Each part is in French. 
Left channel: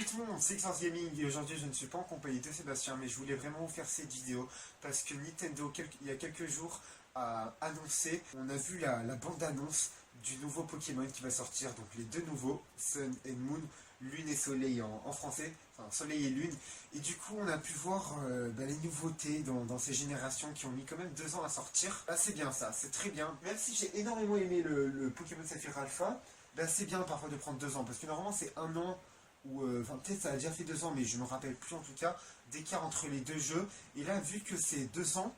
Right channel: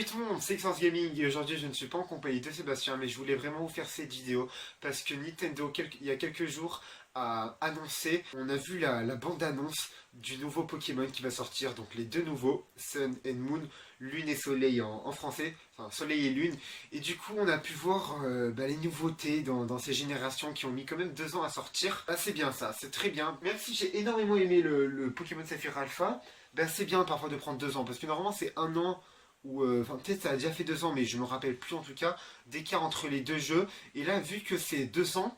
Salut tout le monde, c'est Xforce Gaming et aujourd'hui je ne suis pas en compagnie de Sébastien mais je voulais vraiment vous faire cette vidéo parce que Nintendo il y a quelques jours a annoncé, on a vu la bande-annonce du nouveau Pokémon qui va sortir, donc les deux nouveaux, Sun and Moon, Lune et Soleil en français, enfin Soleil et Lune, et du coup on a pu voir les nouveautés dans ces générations qui ont mis quand même 2 ans à sortir. Bah c'est bien ça, c'est très bien, même si j'ai énormément aimé le Pokémon Saphir Alpha, bah c'est bien parfois de prendre 2 ans, parce que normalement c'est 1 an ou enfin peut-être ça a déjà fait 2 ans mais je me rappelle plus en tout cas d'écart entre les deux jeux, et là vu que c'est 200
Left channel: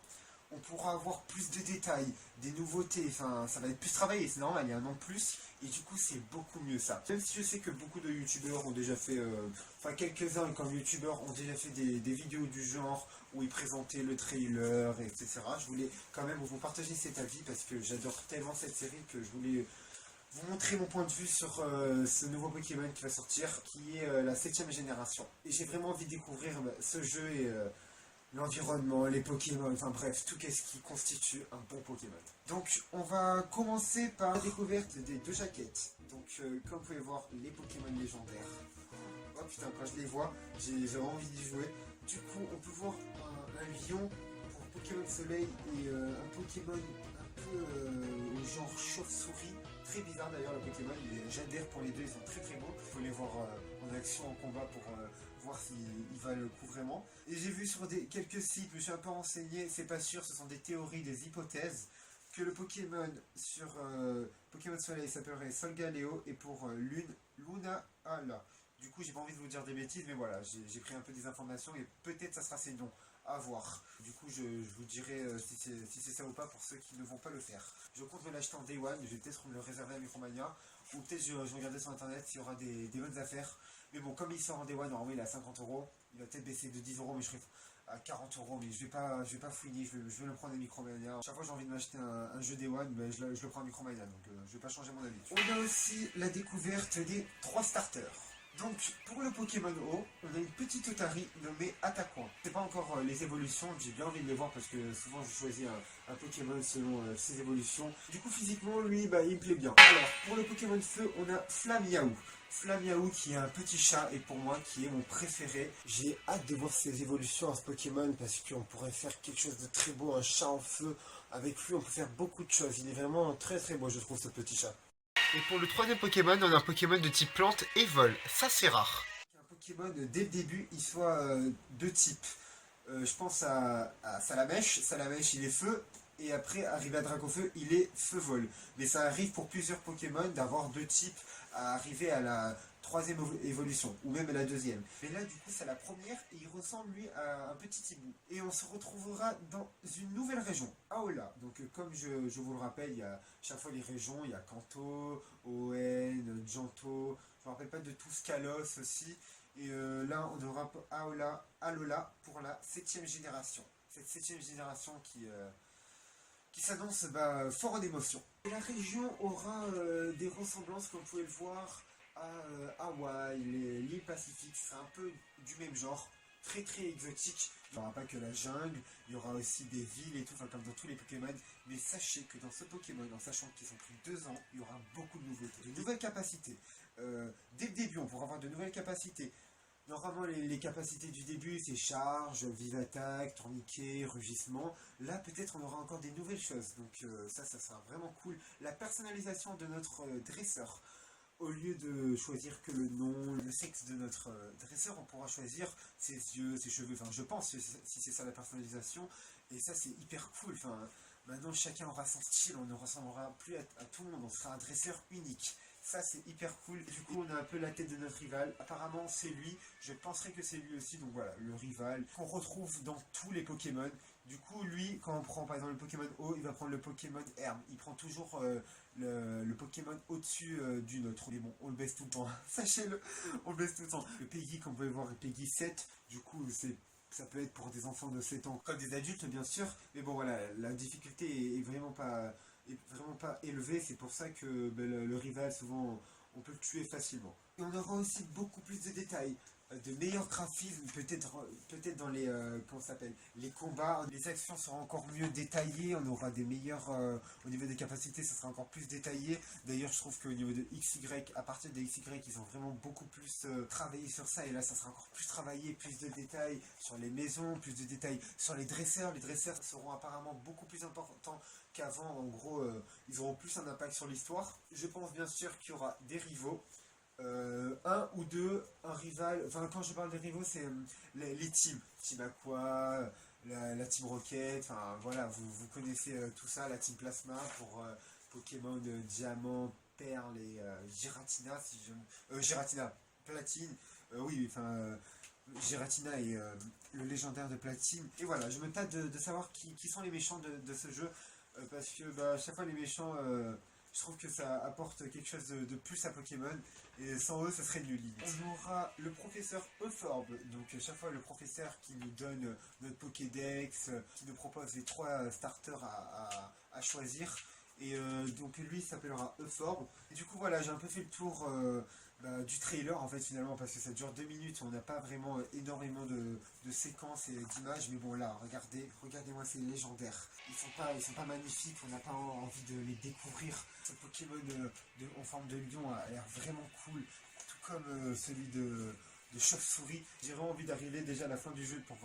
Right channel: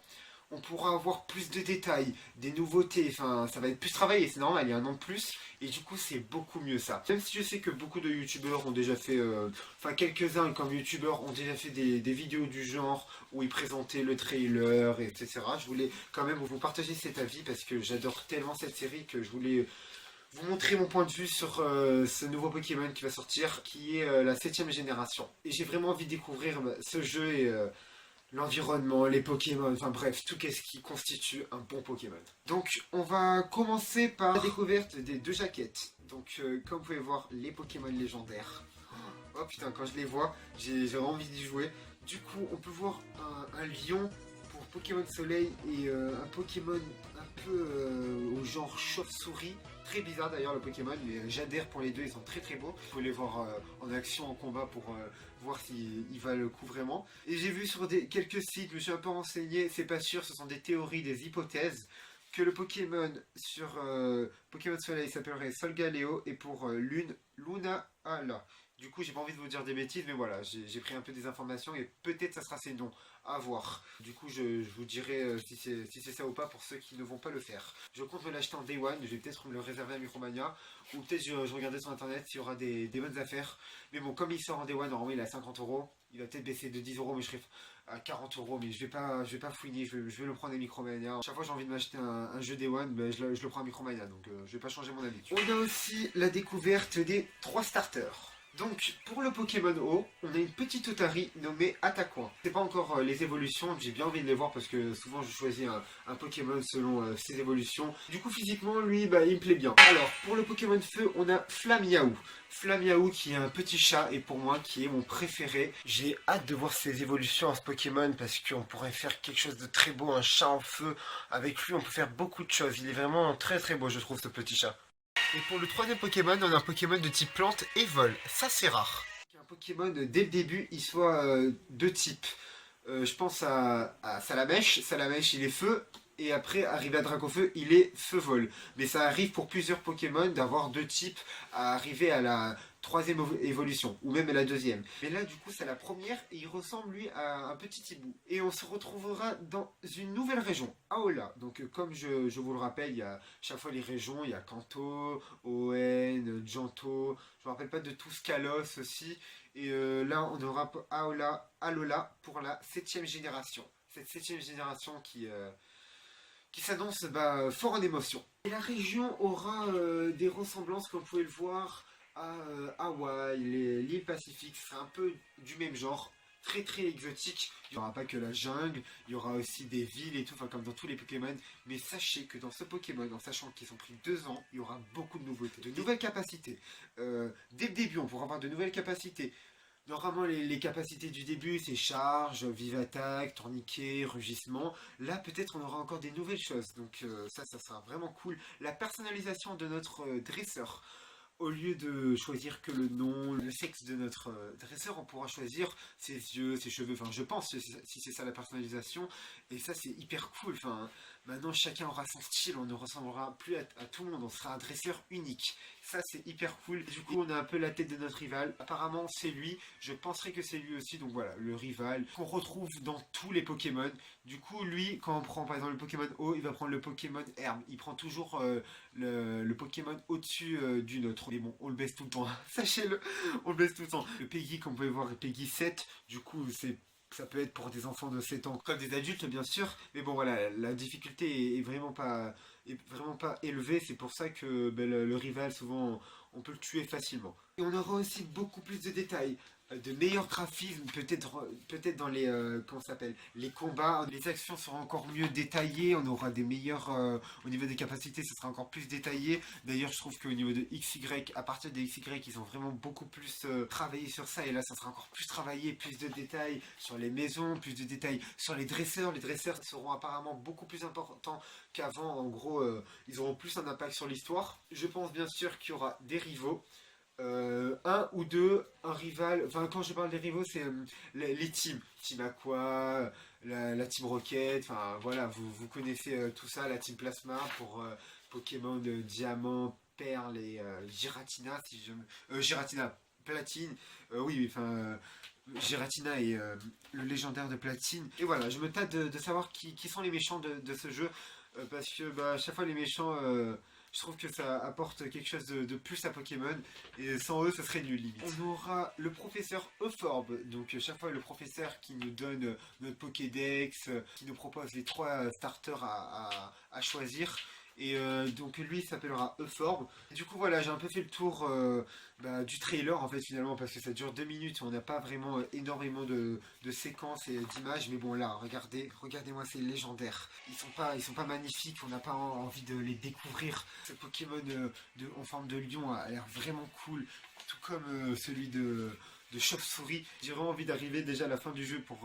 on pourra avoir plus de détails, des nouveautés, enfin ça va être plus travaillé, c'est normal, il y a 1 an de plus et du coup c'est beaucoup mieux ça. Même si je sais que beaucoup de youtubeurs ont déjà fait, enfin quelques-uns comme youtubeurs ont déjà fait des vidéos du genre où ils présentaient le trailer, etc. Je voulais quand même vous partager cet avis parce que j'adore tellement cette série que je voulais vous montrer mon point de vue sur ce nouveau Pokémon qui va sortir, qui est la 7ème génération. Et j'ai vraiment envie de découvrir ce jeu et l'environnement, les Pokémon, enfin bref, tout ce qui constitue un bon Pokémon. Donc on va commencer par la découverte des 2 jaquettes. Donc comme vous pouvez voir, les Pokémon légendaires. Oh putain, quand je les vois, j'ai vraiment envie d'y jouer. Du coup, on peut voir un lion pour Pokémon Soleil et un Pokémon un peu au genre chauve-souris. Très bizarre d'ailleurs le Pokémon, j'adhère pour les deux, ils sont très très beaux. Il faut les voir en action, en combat pour voir s'il va le coup vraiment. Et j'ai vu sur quelques sites, je me suis un peu renseigné, c'est pas sûr, ce sont des théories, des hypothèses, que le Pokémon sur Pokémon Soleil s'appellerait Solgaleo et pour Lune, Luna Ala. Du coup, j'ai pas envie de vous dire des bêtises, mais voilà, j'ai pris un peu des informations et peut-être ça sera ces noms à voir. Du coup, je vous dirai si c'est ça ou pas pour ceux qui ne vont pas le faire. Je compte me l'acheter en Day One, je vais peut-être me le réserver à Micromania, ou peut-être je regardais sur internet s'il y aura des bonnes affaires. Mais bon, comme il sort en Day One, normalement il est à 50€, il va peut-être baisser de 10€, mais je serai à 40€, mais je vais pas fouiner, je vais le prendre à Micromania. Chaque fois que j'ai envie de m'acheter un jeu Day One, ben, je le prends à Micromania, donc je vais pas changer mon habitude. On a aussi la découverte des 3 starters. Donc, pour le Pokémon O, on a une petite Otari nommée Attaquant. C'est pas encore les évolutions, j'ai bien envie de les voir parce que souvent je choisis un Pokémon selon ses évolutions. Du coup, physiquement, lui, bah, il me plaît bien. Alors, pour le Pokémon Feu, on a Flamiaou. Flamiaou qui est un petit chat et pour moi qui est mon préféré. J'ai hâte de voir ses évolutions à ce Pokémon parce qu'on pourrait faire quelque chose de très beau, un chat en feu. Avec lui, on peut faire beaucoup de choses. Il est vraiment très très beau, je trouve, ce petit chat. Et pour le 3ème Pokémon, on a un Pokémon de type plante et vol. Ça, c'est rare. Un Pokémon, dès le début, il soit de type. Je pense à Salamèche. Salamèche, il est feu. Et après, arrivé à Dracofeu, il est feu-vol. Mais ça arrive pour plusieurs Pokémon d'avoir 2 types à arriver à la 3ème évolution, ou même à la 2ème. Mais là, du coup, c'est la première, et il ressemble, lui, à un petit hibou. Et on se retrouvera dans une nouvelle région, Aola. Donc, comme je vous le rappelle, il y a chaque fois les régions, il y a Kanto, Hoenn, Johto, je me rappelle pas de tous, Kalos aussi. Et là, on aura Aola, Alola pour la 7ème génération. Cette 7ème génération qui s'annonce fort en émotion. Et la région aura des ressemblances, comme vous pouvez le voir, à Hawaï, l'île Pacifique, c'est un peu du même genre, très très exotique. Il n'y aura pas que la jungle, il y aura aussi des villes et tout, enfin comme dans tous les Pokémon. Mais sachez que dans ce Pokémon, en sachant qu'ils ont pris 2 ans, il y aura beaucoup de nouveautés, de nouvelles capacités. Dès le début, on pourra avoir de nouvelles capacités. Normalement, les capacités du début, c'est charge, vive attaque, tourniquet, rugissement. Là, peut-être, on aura encore des nouvelles choses. Donc ça sera vraiment cool. La personnalisation de notre dresseur. Au lieu de choisir que le nom, le sexe de notre dresseur, on pourra choisir ses yeux, ses cheveux. Enfin, je pense, si c'est ça la personnalisation. Et ça, c'est hyper cool. Enfin, maintenant, chacun aura son style. On ne ressemblera plus à tout le monde. On sera un dresseur unique. Ça, c'est hyper cool. Du coup, on a un peu la tête de notre rival. Apparemment, c'est lui. Je penserais que c'est lui aussi. Donc voilà, le rival qu'on retrouve dans tous les Pokémon. Du coup, lui, quand on prend par exemple le Pokémon O, il va prendre le Pokémon Herbe. Il prend toujours le Pokémon au-dessus du nôtre. Mais bon, on le baisse tout le temps. Sachez-le, on le baisse tout le temps. Le Peggy, comme vous pouvez voir, est Peggy 7. Du coup, ça peut être pour des enfants de 7 ans comme des adultes, bien sûr. Mais bon, voilà, la difficulté est vraiment pas élevé, c'est pour ça que le rival, souvent, on peut le tuer facilement. Et on aura aussi beaucoup plus de détails. de meilleurs graphismes, peut-être dans les, comment ça s'appelle, les combats, les actions seront encore mieux détaillées, on aura des meilleurs, au niveau des capacités, ça sera encore plus détaillé. D'ailleurs, je trouve qu'au niveau de XY, à partir des XY, ils ont vraiment beaucoup plus travaillé sur ça, et là, ça sera encore plus travaillé, plus de détails sur les maisons, plus de détails sur les dresseurs. Les dresseurs seront apparemment beaucoup plus importants qu'avant, en gros, ils auront plus un impact sur l'histoire. Je pense bien sûr qu'il y aura des rivaux. Un ou deux, un rival, enfin quand je parle des rivaux c'est les teams, Team Aqua, la Team Rocket, enfin voilà, vous connaissez tout ça, la Team Plasma pour Pokémon de Diamant, Perle et Giratina, si je Giratina, Platine, oui, enfin Giratina et le légendaire de Platine. Et voilà, je me tâte de savoir qui sont les méchants de ce jeu, parce que bah, à chaque fois les méchants... je trouve que ça apporte quelque chose de plus à Pokémon, et sans eux, ce serait nul limite. On aura le professeur Euphorbe, donc chaque fois le professeur qui nous donne notre Pokédex, qui nous propose les 3 starters à choisir. Et donc lui il s'appellera Euphorbe. Du coup voilà, j'ai un peu fait le tour du trailer en fait finalement, parce que ça dure 2 minutes, on n'a pas vraiment énormément de séquences et d'images, mais bon là, regardez-moi ces légendaires. Ils sont pas magnifiques, on n'a pas envie de les découvrir. Ce Pokémon en forme de lion a l'air vraiment cool, tout comme celui de chauve-souris. J'ai vraiment envie d'arriver déjà à la fin du jeu pour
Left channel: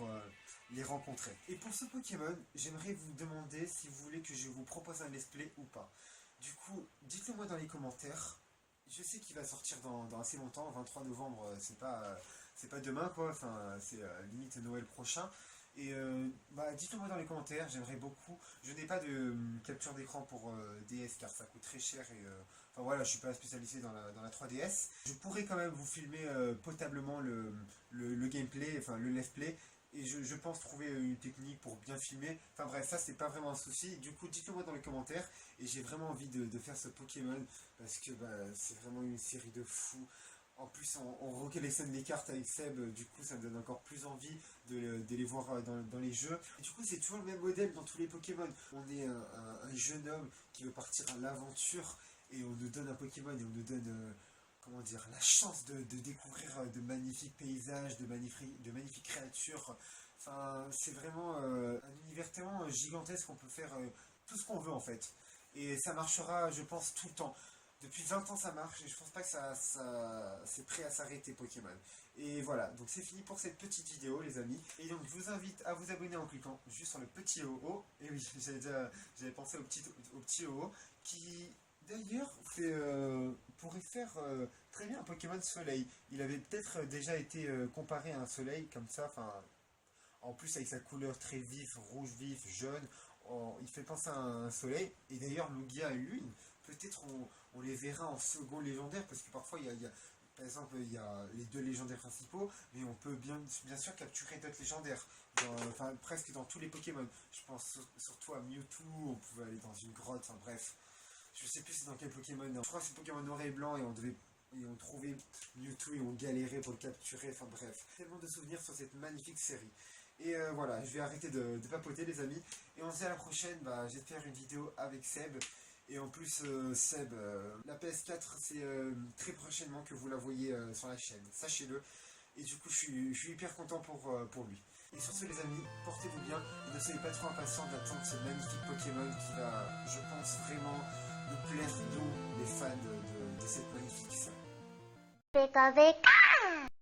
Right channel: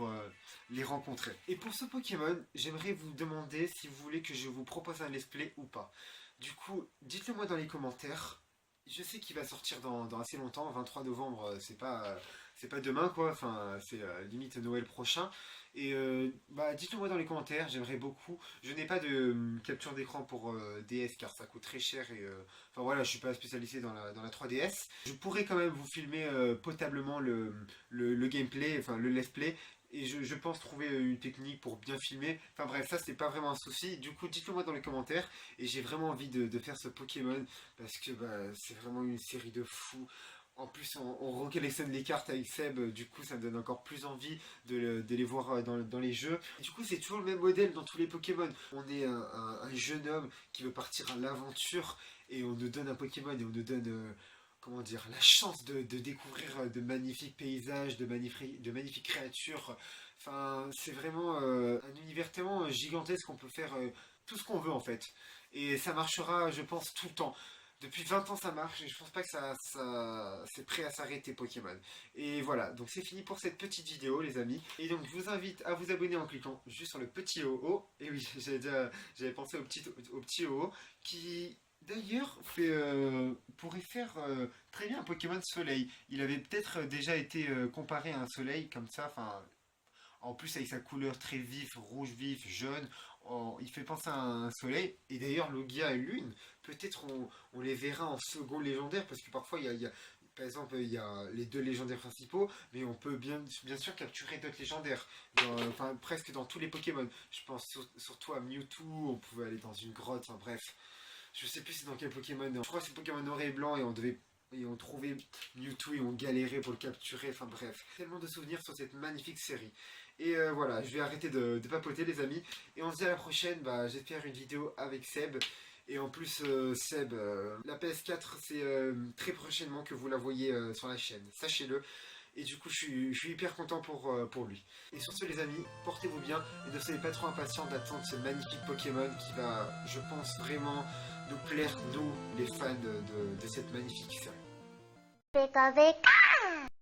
les rencontrer. Et pour ce Pokémon, j'aimerais vous demander si vous voulez que je vous propose un let's play ou pas. Du coup, dites-le moi dans les commentaires. Je sais qu'il va sortir dans assez longtemps, 23 novembre, c'est pas demain quoi, enfin c'est limite Noël prochain. Et dites-le moi dans les commentaires, j'aimerais beaucoup. Je n'ai pas de capture d'écran pour DS car ça coûte très cher et enfin voilà, je suis pas spécialisé dans la 3DS. Je pourrais quand même vous filmer potablement le gameplay, enfin le let's play. Et je pense trouver une technique pour bien filmer. Enfin bref, ça c'est pas vraiment un souci. Du coup, dites-le moi dans les commentaires. Et j'ai vraiment envie de faire ce Pokémon, parce que c'est vraiment une série de fous. En plus, on recollectionne les cartes avec Seb, du coup ça me donne encore plus envie de les voir dans les jeux. Et du coup, c'est toujours le même modèle dans tous les Pokémon. On est un jeune homme qui veut partir à l'aventure, et on nous donne un Pokémon, et on nous donne... comment dire, la chance de découvrir de magnifiques paysages, de magnifiques créatures. Enfin, c'est vraiment un univers tellement gigantesque qu'on peut faire tout ce qu'on veut en fait. Et ça marchera, je pense, tout le temps. Depuis 20 ans ça marche, et je pense pas que c'est prêt à s'arrêter Pokémon. Et voilà, donc c'est fini pour cette petite vidéo les amis. Et donc je vous invite à vous abonner en cliquant juste sur le petit haut. Et oui, j'avais pensé au petit haut qui d'ailleurs pourrait faire très bien un Pokémon Soleil. Il avait peut-être déjà été comparé à un soleil comme ça, enfin en plus avec sa couleur très vive, rouge vif, jaune, il fait penser à un soleil. Et d'ailleurs Logia et Lune, peut-être on les verra en second légendaire, parce que parfois par exemple il y a les 2 légendaires principaux, mais on peut bien sûr capturer d'autres légendaires, enfin presque dans tous les Pokémon. Je pense surtout à Mewtwo, on pouvait aller dans une grotte, enfin bref. Je sais plus c'est dans quel Pokémon, je crois que c'est Pokémon noir et blanc, et on trouvait Mewtwo et on galérait pour le capturer, enfin bref. Tellement de souvenirs sur cette magnifique série. Et voilà, je vais arrêter de papoter les amis, et on se dit à la prochaine. J'espère une vidéo avec Seb. Et en plus Seb, la PS4 c'est très prochainement que vous la voyez sur la chaîne, sachez-le. Et du coup je suis hyper content pour lui. Et sur ce les amis, portez-vous bien, et ne soyez pas trop impatients d'attendre ce magnifique Pokémon qui va, je pense, vraiment nous plaire, nous, les fans de cette magnifique série.